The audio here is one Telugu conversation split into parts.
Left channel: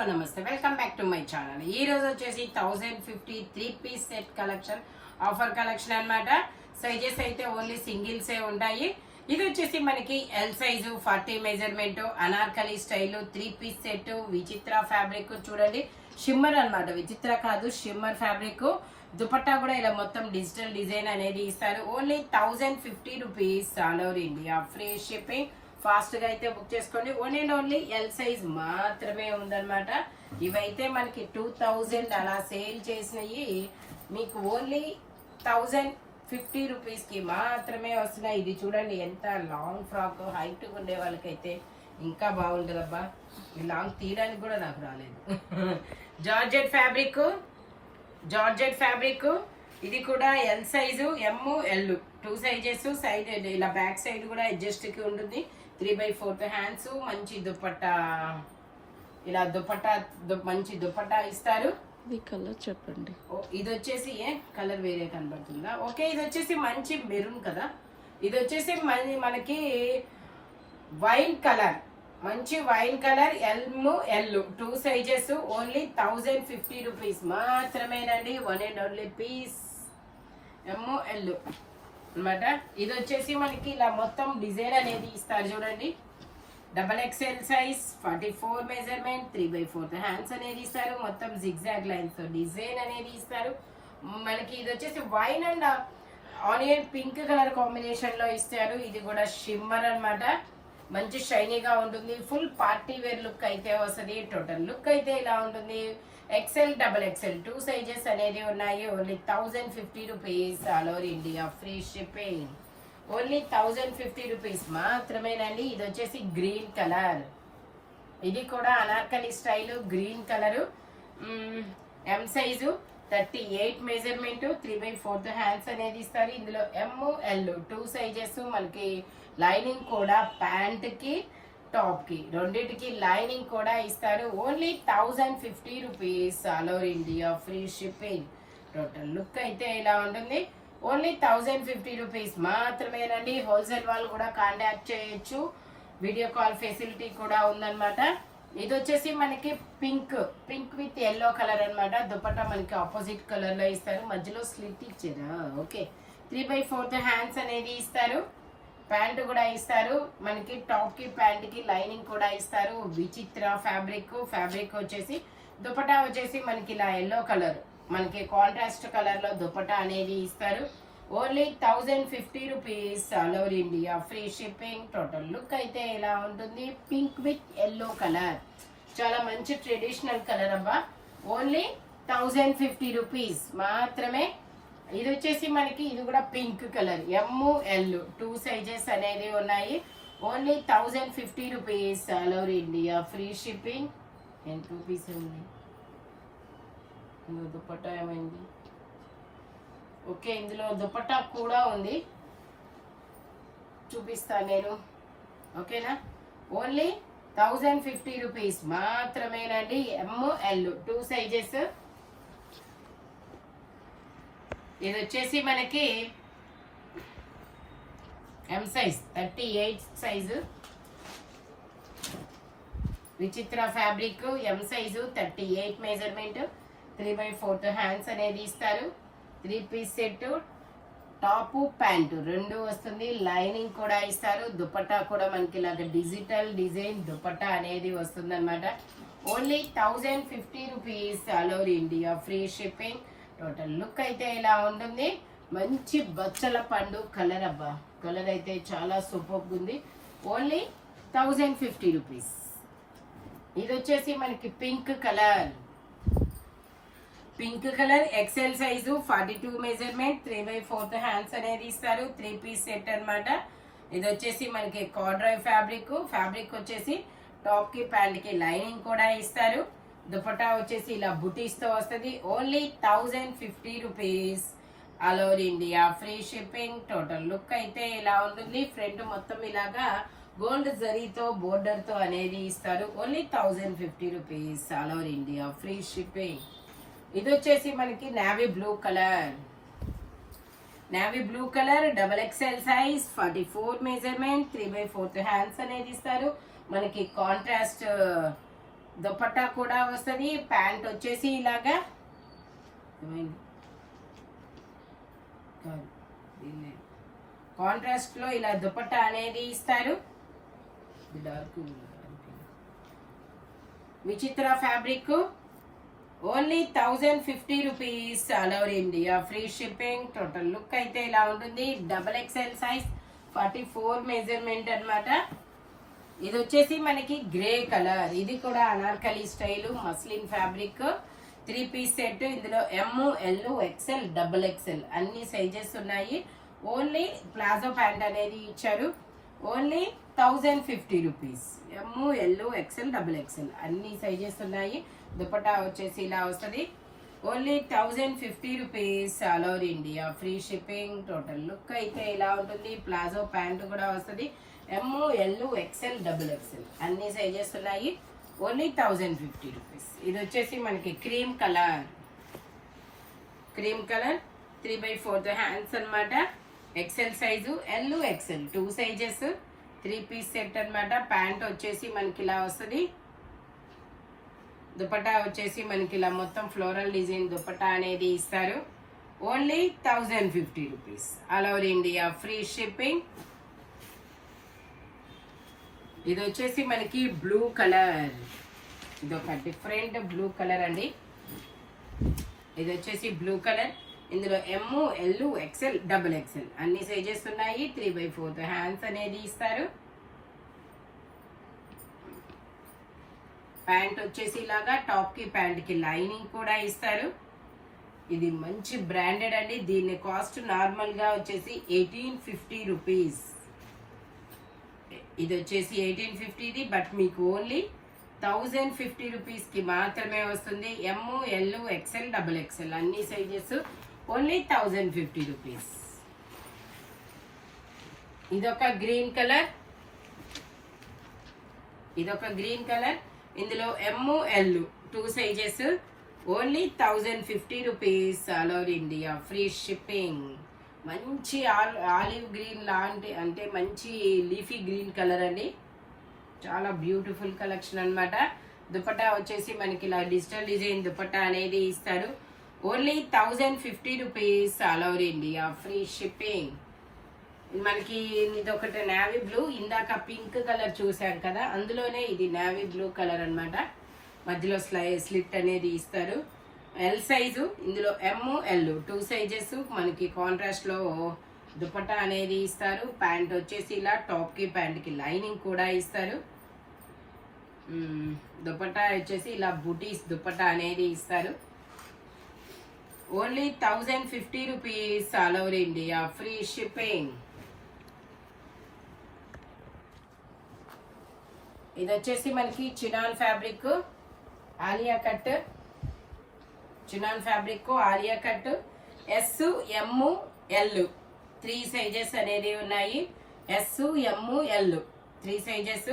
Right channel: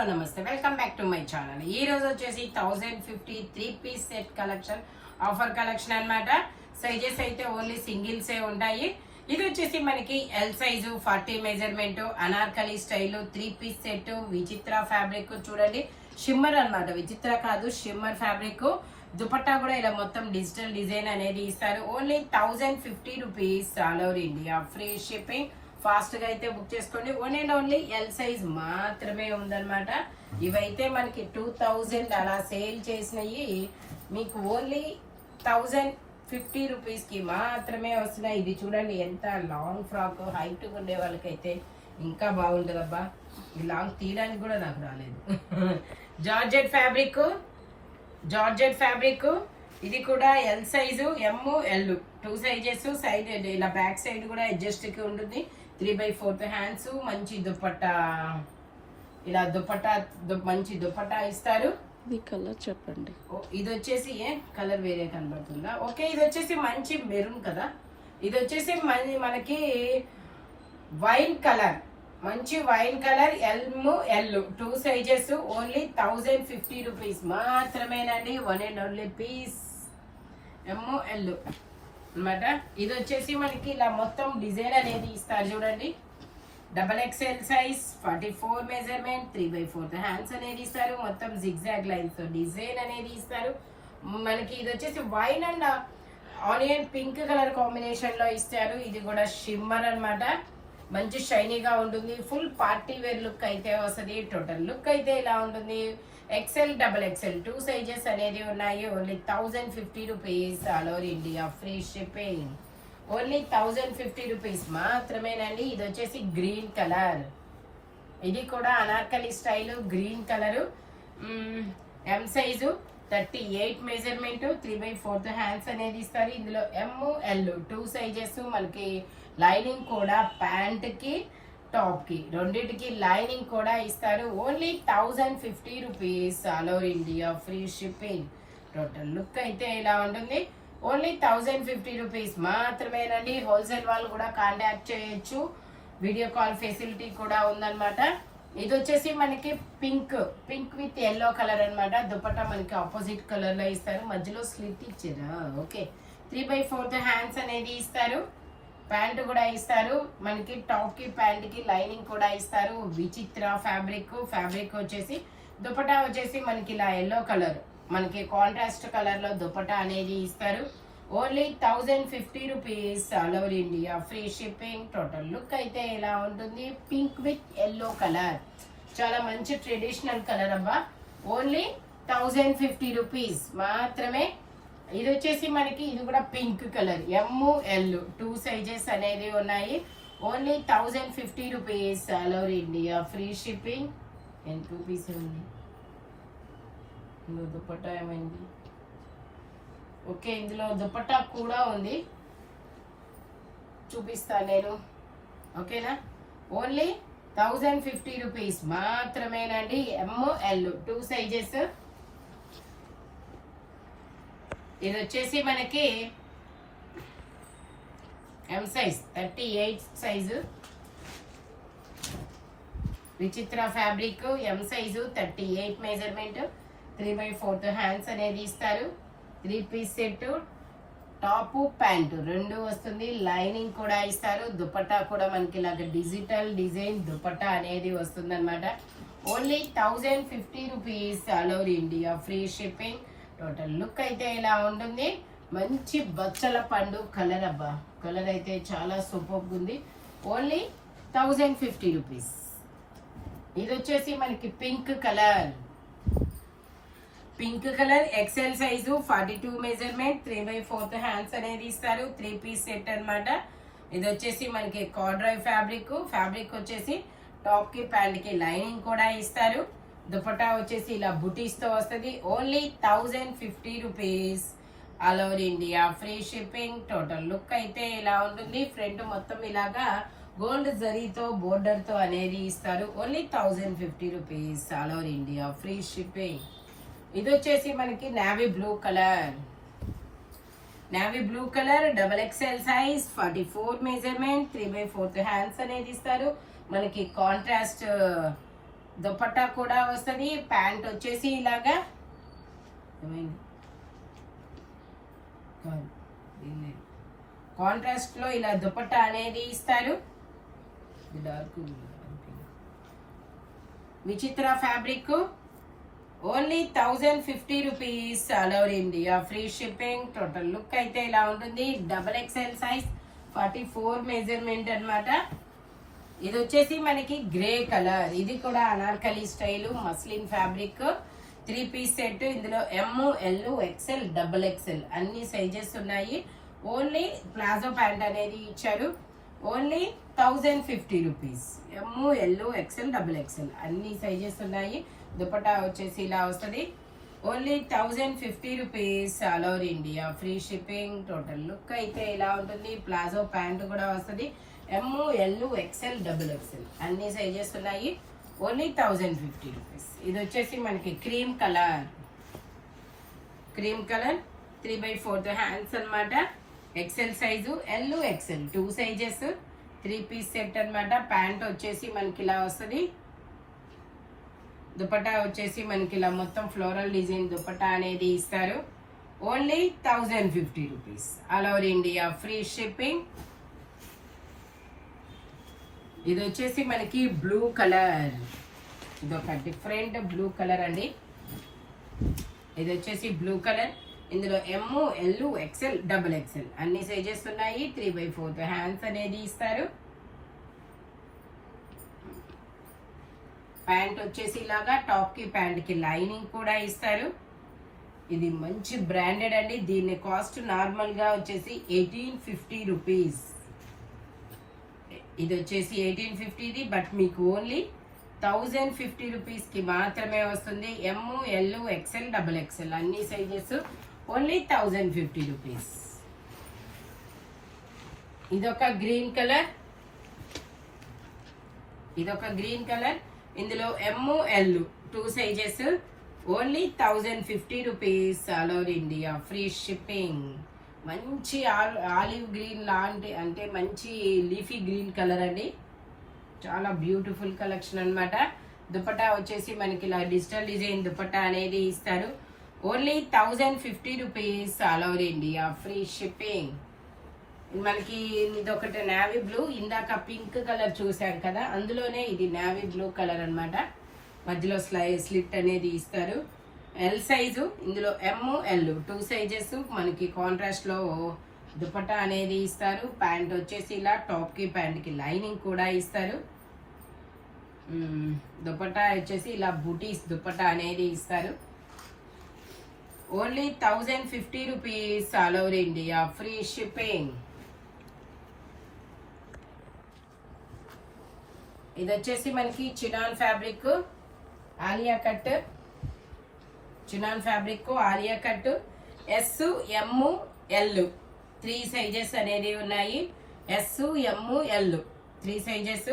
హలో నమస్తే, welcome back to my channel. ఈ రోజు వచ్చేసి 1050 3-piece set collection, offer collection అన్నమాట. సైజెస్ అయితే ఓన్లీ సింగిల్సే ఉంటాయి. ఇది వచ్చేసి మనకి L size 40 measurement, Anarkali style 3-piece set, విచిత్ర ఫ్యాబ్రిక్. చూడండి, షిమ్మర్ అన్నమాట, విచిత్ర కాదు షిమ్మర్ ఫ్యాబ్రిక్. దుపట్టా కూడా ఇలా మొత్తం డిజిటల్ డిజైన్ అనేది ఇస్తారు. Only 1050 rupees, all over India free shipping. Fast గా అయితే బుక్ చేసుకోండి. ఓన్లీ ఎల్ సైజ్ మాత్రమే ఉందన్నమాట. ఇవైతే మనకి 2000 అలా సేల్ చేసినవి మీకు ఓన్లీ 1050 రూపీస్ కి మాత్రమే వస్తున్నాయి. ఇది చూడండి, ఎంత లాంగ్ ఫ్రాక్, హైట్ ఉండే వాళ్ళకైతే ఇంకా బాగుంటుంది అబ్బా. ఈ లాంగ్ తీయడానికి కూడా నాకు రాలేదు. జార్జెట్ ఫ్యాబ్రిక్ ఇది కూడా ఎల్ సైజు, ఎమ్, ఎల్ 2 సైజెస్. సైడ్ ఇలా బ్యాక్ సైడ్ కూడా అడ్జస్ట్ కి ఉంటుంది. 3/4 హ్యాండ్స్, మంచి దుపట్టా, ఇలా మంచి దుపట్టా ఇస్తారు. ఈ కలర్ చెప్పండి. ఇది వచ్చేసి కలర్ వేరే కనబడుతుందా? ఓకే, ఇది వచ్చేసి మంచి మెరూన్ కదా. ఇది వచ్చేసి మనకి వైన్ కలర్, మంచి wine colour, L 2 sizes. Only 1050 rupees మాత్రమేనండి. 1 and only piece, M, L అన్నమాట. ఇది వచ్చేసి మనకి ఇలా మొత్తం డిజైన్ అనేది ఇస్తారు. చూడండి, XXL సైజ్, 44 మెజర్మెంట్, 3/4 హ్యాండ్స్ అనేది ఇస్తారు. మొత్తం జిగ్జాగ్ లైన్స్ డిజైన్ అనేది ఇస్తారు. మనకి ఇది వచ్చేసి wine and onion pink colour combination లో ఇస్తారు. ఇది కూడా షిమ్మర్ అన్నమాట. మంచి షైనీగా ఉంటుంది. ఫుల్ పార్టీ వేర్ లుక్ అయితే వస్తుంది. టోటల్ లుక్ అయితే ఇలా ఉంటుంది. XL, XXL 2 సైజెస్ అనేది ఉన్నాయి. Only 1050 rupees, all over India free shipping. Only 1050 rupees మాత్రమేనండి. ఇది వచ్చేసి గ్రీన్ కలర్, ఇది కూడా Anarkali style green colour. M size, 38 measurement, 3/4 hands అనేది ఇస్తారు. ఇందులో ఎమ్, ఎల్ 2 సైజెస్. మనకి లైనింగ్ కూడా ప్యాంట్ కి టాప్ కి రెండింటికి లైనింగ్ కూడా ఇస్తారు. Only 1050 rupees, all over India free shipping. Total look అయితే ఇలా ఉంటుంది. ఓన్లీ 1050 రూపీస్ మాత్రమేనండి. హోల్సేల్ వాళ్ళు కూడా కాంటాక్ట్ చేయొచ్చు. వీడియో కాల్ ఫెసిలిటీ కూడా ఉందన్నమాట. ఇది వచ్చేసి మనకి పింక్ విత్ ఎల్లో కలర్ అన్నమాట. దుపట్టా మనకి ఆపోజిట్ కలర్ లో ఇస్తారు. మధ్యలో స్లిట్ ఇచ్చారా? ఓకే, 3/4 హ్యాండ్స్ అనేది ఇస్తారు. ప్యాంట్ కూడా ఇస్తారు. మనకి టాప్ కి ప్యాంట్ కి లైనింగ్ కూడా ఇస్తారు. విచిత్ర ఫ్యాబ్రిక్ వచ్చేసి దుపట్టా వచ్చేసి మనకి ఇలా ఎల్లో కలర్, మనకి కాంట్రాస్ట్ కలర్ లో దుపట్టా అనేది ఇస్తారు. Only 1050 rupees, all over India free shipping. Total look అయితే ఇలా ఉంటుంది. పింక్ విత్ ఎల్లో కలర్, చాలా మంచి ట్రెడిషనల్ కలర్ అబ్బా. ఓన్లీ 1050 రూపీస్ మాత్రమే. ఇది వచ్చేసి మనకి ఇది కూడా పింక్ కలర్, ఎమ్, ఎల్ 2 సైజెస్ అనేది ఉన్నాయి. Only 1050 rupees, all over India free shipping. ఎంత రూపీస్ ఉంది? దుపట్టా ఏమైంది? ఓకే, ఇందులో దుపట్టా కూడా ఉంది, చూపిస్తాను నేను. ఓకేనా? ఓన్లీ 1050 రూపీస్ మాత్రమేనండి. M, L 2 sizes. ఇది వచ్చేసి మనకి M size, 38 size. Vichitra fabric, M size, 38 measurement, 3/4 hands అనేది ఇస్తారు. 3-piece సెట్, టాప్ ప్యాంటు 2 వస్తుంది. లైనింగ్ కూడా ఇస్తారు. దుపట్టా కూడా మనకి ఇలాగ డిజిటల్ డిజైన్ దుపట్టా అనేది వస్తుంది అనమాట. Only 1050 rupees, all over India free shipping. Total look అయితే ఇలా ఉంటుంది. మంచి బచ్చల పండు కలర్ అబ్బా. కలర్ అయితే చాలా సూపర్ ఉంది. Only 1050 rupees. ఇది వచ్చేసి మనకి pink colour, XL size, 42 measurement, 3/4 hands అనేది ఇస్తారు. 3-piece సెట్ అన్నమాట. ఇది వచ్చేసి మనకి కార్డ్రాయ్ ఫ్యాబ్రిక్ వచ్చేసి టాప్ కి ప్యాంట్ కి లైనింగ్ కూడా ఇస్తారు. దుపట్టా వచ్చేసి ఇలా బుటీస్ తో వస్తుంది. Only 1050 rupees, all over India free shipping. Total look అయితే ఇలా ఉంటుంది. ఫ్రంట్ మొత్తం ఇలాగా గోల్డ్ జరీతో బోర్డర్ తో అనేది ఇస్తారు. Only 1050 rupees, all over India free shipping. ఇది వచ్చేసి మనకి navy blue colour, XXL size, 44 measurement, 3/4 hands అనేది ఇస్తారు. మనకి కాంట్రాస్ట్ దుపట్టా కూడా వస్తుంది. ప్యాంట్ వచ్చేసి ఇలాగా కాంట్రాస్ట్ లో ఇలా దుపట్టా అనేది ఇస్తారు. విచిత్ర fabric only 1050 rupees, all over India free shipping. Total look అయితే ఇలా ఉంటుంది. XXL సైజ్ 44 మెజర్మెంట్ అన్నమాట. ఇది వచ్చేసి మనకి గ్రే కలర్, ఇది కూడా Anarkali style muslin fabric. 3 piece set. ఇందులో ML XL XXL అన్ని సైజెస్ ఉన్నాయి. ఓన్లీ ప్లాజో ప్యాంట్ అనేది ఇచ్చారు. Only 1050 rupees. ML XL XXL అన్ని సైజెస్ ఉన్నాయి. దుపట్టా వచ్చేసి ఇలా వస్తుంది. Only 1050 rupees, all over India free shipping. Total look అయితే ఇలా ఉంటుంది. ప్లాజో ప్యాంట్ కూడా వస్తుంది. ML XL XXL అన్ని సైజెస్ ఉన్నాయి. Only 1050 rupees. ఇది వచ్చేసి మనకి క్రీమ్ కలర్ 3/4 హ్యాండ్స్ అన్నమాట. XL size, L XL 2 sizes. 3 piece set అన్నమాట. ప్యాంట్ వచ్చేసి మనకి ఇలా వస్తుంది. దుపట్టా వచ్చేసి మనకి ఇలా మొత్తం ఫ్లోరల్ డిజైన్ దుపట్టా అనేది ఇస్తారు. Only 1050 rupees, all over India free shipping. ఇది వచ్చేసి మనకి బ్లూ కలర్, ఇది ఒక డిఫరెంట్ బ్లూ కలర్ అండి. ఇది వచ్చేసి బ్లూ కలర్. ఇందులో ML XL XXL అన్ని సైజెస్ ఉన్నాయి. 3/4 హ్యాండ్స్ అనేది ఇస్తారు. ప్యాంట్ వచ్చేసి ఇలాగా టాప్ కి ప్యాంట్ కి లైనింగ్ కూడా ఇస్తారు. ఇది మంచి బ్రాండెడ్ అండి. దీని కాస్ట్ నార్మల్ గా వచ్చేసి 1850 రూపీస్. ఇది వచ్చేసి 1850, బట్ మీకు ఓన్లీ 1050 రూపీస్ కి మాత్రమే వస్తుంది. ML XL XXL అన్ని సైజెస్. Only 1050 rupees. ఇదొక గ్రీన్ కలర్, ఇందులో ML 2 sizes. Only 1050 rupees, all over India free shipping. మంచి ఆలివ్ గ్రీన్ లాంటి, అంటే మంచి లీఫీ గ్రీన్ కలర్ అండి. చాలా బ్యూటిఫుల్ కలెక్షన్ అన్నమాట. దుపట్టా వచ్చేసి మనకి ఇలా డిజిటల్ డిజైన్ దుపట్టా అనేది ఇస్తారు. Only 1050 rupees, all over India free shipping. మనకి ఇది ఒకటి నేవీ బ్లూ, ఇందాక పింక్ కలర్ చూసాం కదా, అందులోనే ఇది నేవీ బ్లూ కలర్ అన్నమాట. మధ్యలో స్లిట్ అనేది ఇస్తారు. L size. ఇందులో ML 2 సైజెస్. మనకి కాంట్రాస్ట్ లో దుపట్టా అనేది ఇస్తారు. ప్యాంట్ వచ్చేసి ఇలా టాప్ కి ప్యాంట్ కి లైనింగ్ కూడా ఇస్తారు. దుపట్టా వచ్చేసి ఇలా బూటీస్ దుపట్టా అనేది ఇస్తారు. Only 1050 rupees, all over India free shipping. ఇది వచ్చేసి మనకి chinon fabric Alia cut. Alia cut SML 3 sizes అనేది ఉన్నాయి. SML 3 sizes.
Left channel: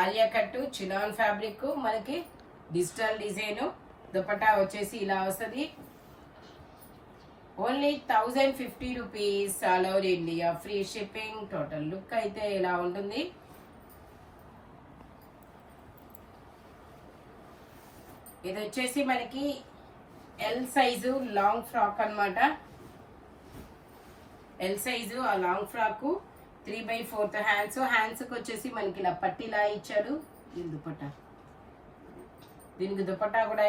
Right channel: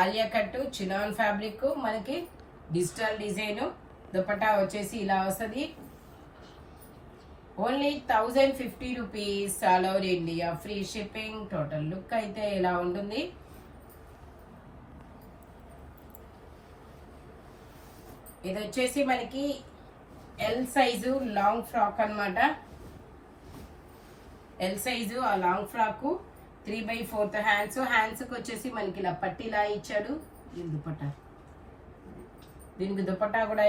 Alia cut chinon fabric, మనకి డిజిటల్ డిజైన్. దుపట్టా వచ్చేసి ఇలా వస్తుంది. Only 1050 rupees, all over India free shipping. Total look అయితే ఇలా ఉంటుంది. ఇది వచ్చేసి మనకి ఎల్ సైజు లాంగ్ ఫ్రాక్ అన్నమాట. ఎల్ సైజు ఆ లాంగ్ ఫ్రాక్ 3/4 హ్యాండ్స్. హ్యాండ్స్ కి వచ్చేసి మనకి ఇలా పట్టీలా ఇచ్చాడు. ఈ దుపట్టా, దీనికి దుపట్టా కూడా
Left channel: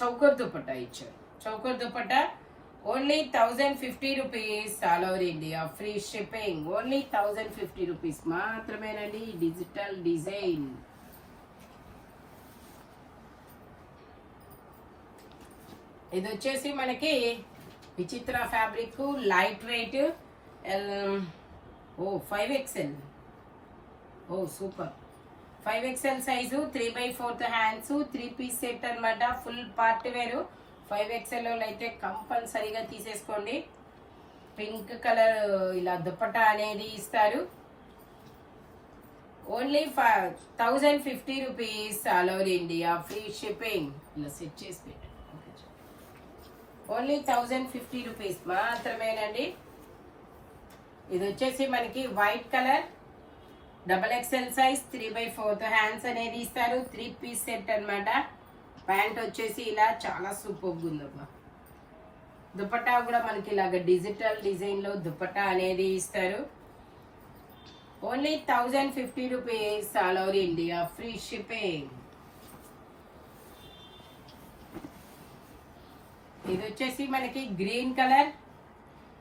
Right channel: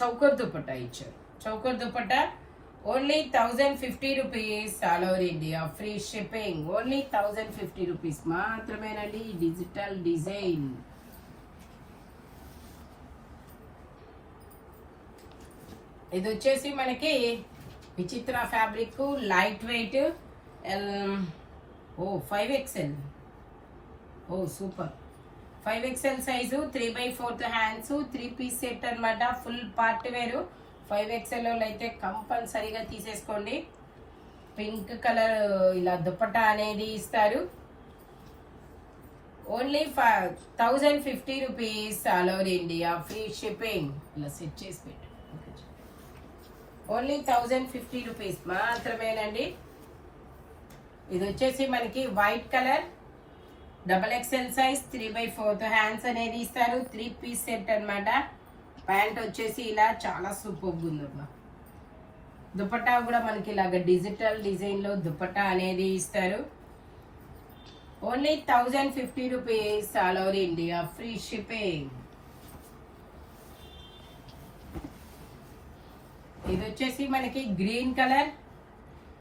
చౌకర్ దుపట్టా ఇచ్చారు. Choker dupatta. Only 1050 rupees, all over India free shipping. Only 1050 rupees మాత్రమేనండి. Digital design. ఇది వచ్చేసి మనకి Vichitra fabric, light weight. 5XL. Super. 5XL size, 3/4 hands. 3 piece set అన్నమాట. ఫుల్ పార్ట్ వేరు. 5XL అయితే కంపల్సరీగా తీసేసుకోండి. పింక్ కలర్ ఇలా దుపట్టా అనేది ఇస్తారు. Only 1050 rupees, all over India free shipping. ఇలా సెట్ చేసి పెట్టు. ఓన్లీ 1050 రూపీస్ మాత్రమేనండి. ఇది వచ్చేసి మనకి white colour. XXL size 3/4 hands అనేది ఇస్తారు. 3 పీస్ సెట్ అన్నమాట. ప్యాంట్ వచ్చేసి ఇలా చాలా సూపర్గా ఉందమ్మా. దుపట్టా కూడా మనకి ఇలాగ డిజిటల్ డిజైన్ లో దుపట్టా అనేది ఇస్తారు. Only 1050 rupees, all over India free shipping. ఇది వచ్చేసి మనకి green colour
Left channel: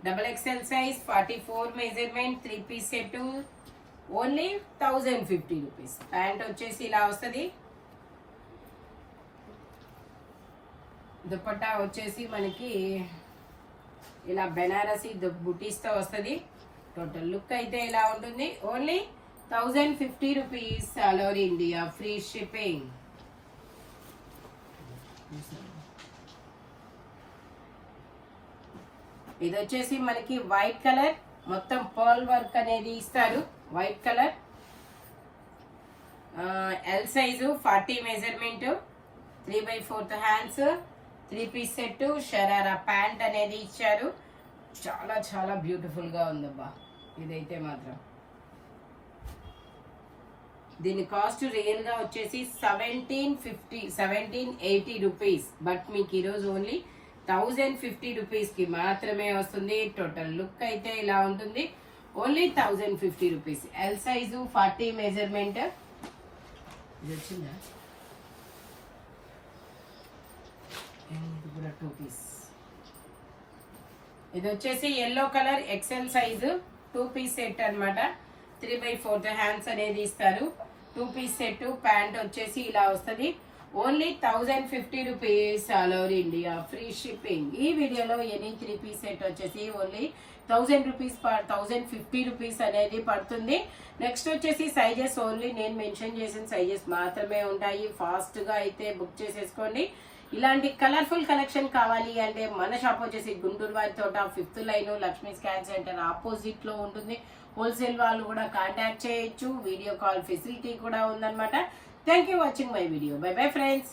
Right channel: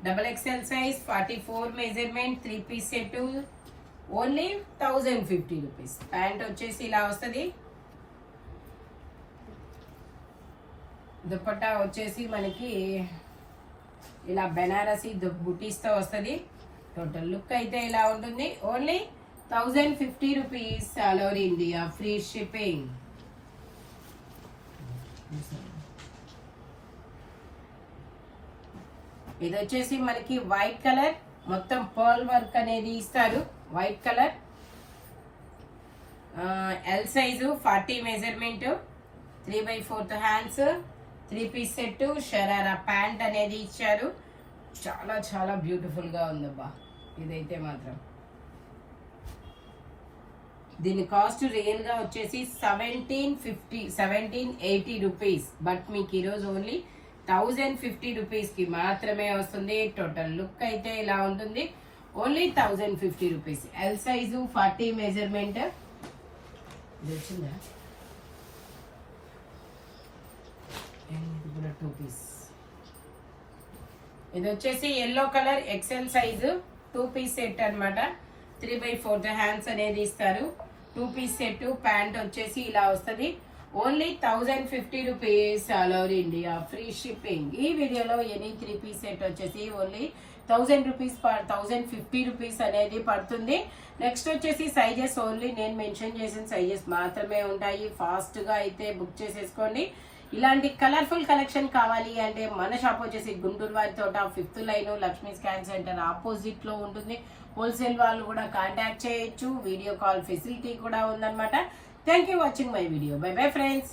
XXL size 44 measurement 3 piece set. Only 1050 rupees. Pant వచ్చేసి ఇలా వస్తుంది. దుపట్టా వచ్చేసి మనకి ఇలా బెనారసీ బుటీస్ తో వస్తుంది. టోటల్ లుక్ అయితే ఇలా ఉంటుంది. Only 1050 rupees, all over India free shipping. ఇది వచ్చేసి మనకి వైట్ కలర్, మొత్తం పర్ల్ వర్క్ అనేది ఇస్తారు. White colour, L size 40 measurement 3/4 hands 3 piece set. Sharara pant అనేది ఇచ్చారు. చాలా చాలా బ్యూటిఫుల్ గా ఉందబ్బా ఇదైతే మాత్రం. దీని కాస్ట్ రియల్ గా వచ్చేసి 1780 రూపీస్. బట్ మీకు ఈరోజు ఓన్లీ 1050 రూపీస్ కి మాత్రమే వస్తుంది. టోటల్ లుక్ అయితే ఇలా ఉంటుంది. Only 1050 rupees. L size 40 measurement. వచ్చిందా 2 పీస్. ఇది వచ్చేసి yellow colour XL size 2 piece set అన్నమాట. 3/4 హ్యాండ్స్ అనేది ఇస్తారు. 2 పీస్ సెట్. ప్యాంట్ వచ్చేసి ఇలా వస్తుంది. Only 1050 rupees, all over India free shipping. ఈ వీడియోలో ఎనీ 3 పీస్ సెట్ వచ్చేసి ఓన్లీ 1000 రూపీస్ 1050 రూపీస్ అనేది పడుతుంది. నెక్స్ట్ వచ్చేసి సైజెస్ ఓన్లీ నేను మెన్షన్ చేసిన సైజెస్ మాత్రమే ఉంటాయి. ఫాస్ట్ గా అయితే బుక్ చేసేసుకోండి. ఇలాంటి కలర్ఫుల్ కలెక్షన్ కావాలి అంటే మన షాప్ వచ్చేసి గుంటూరు వారి తోట 5th line Lakshmi scan centre opposite లో ఉంటుంది. హోల్సేల్ వాళ్ళు కూడా కాంటాక్ట్ చేయొచ్చు. వీడియో కాల్ ఫెసిలిటీ కూడా ఉందన్నమాట. Thank you watching my video. By bye friends.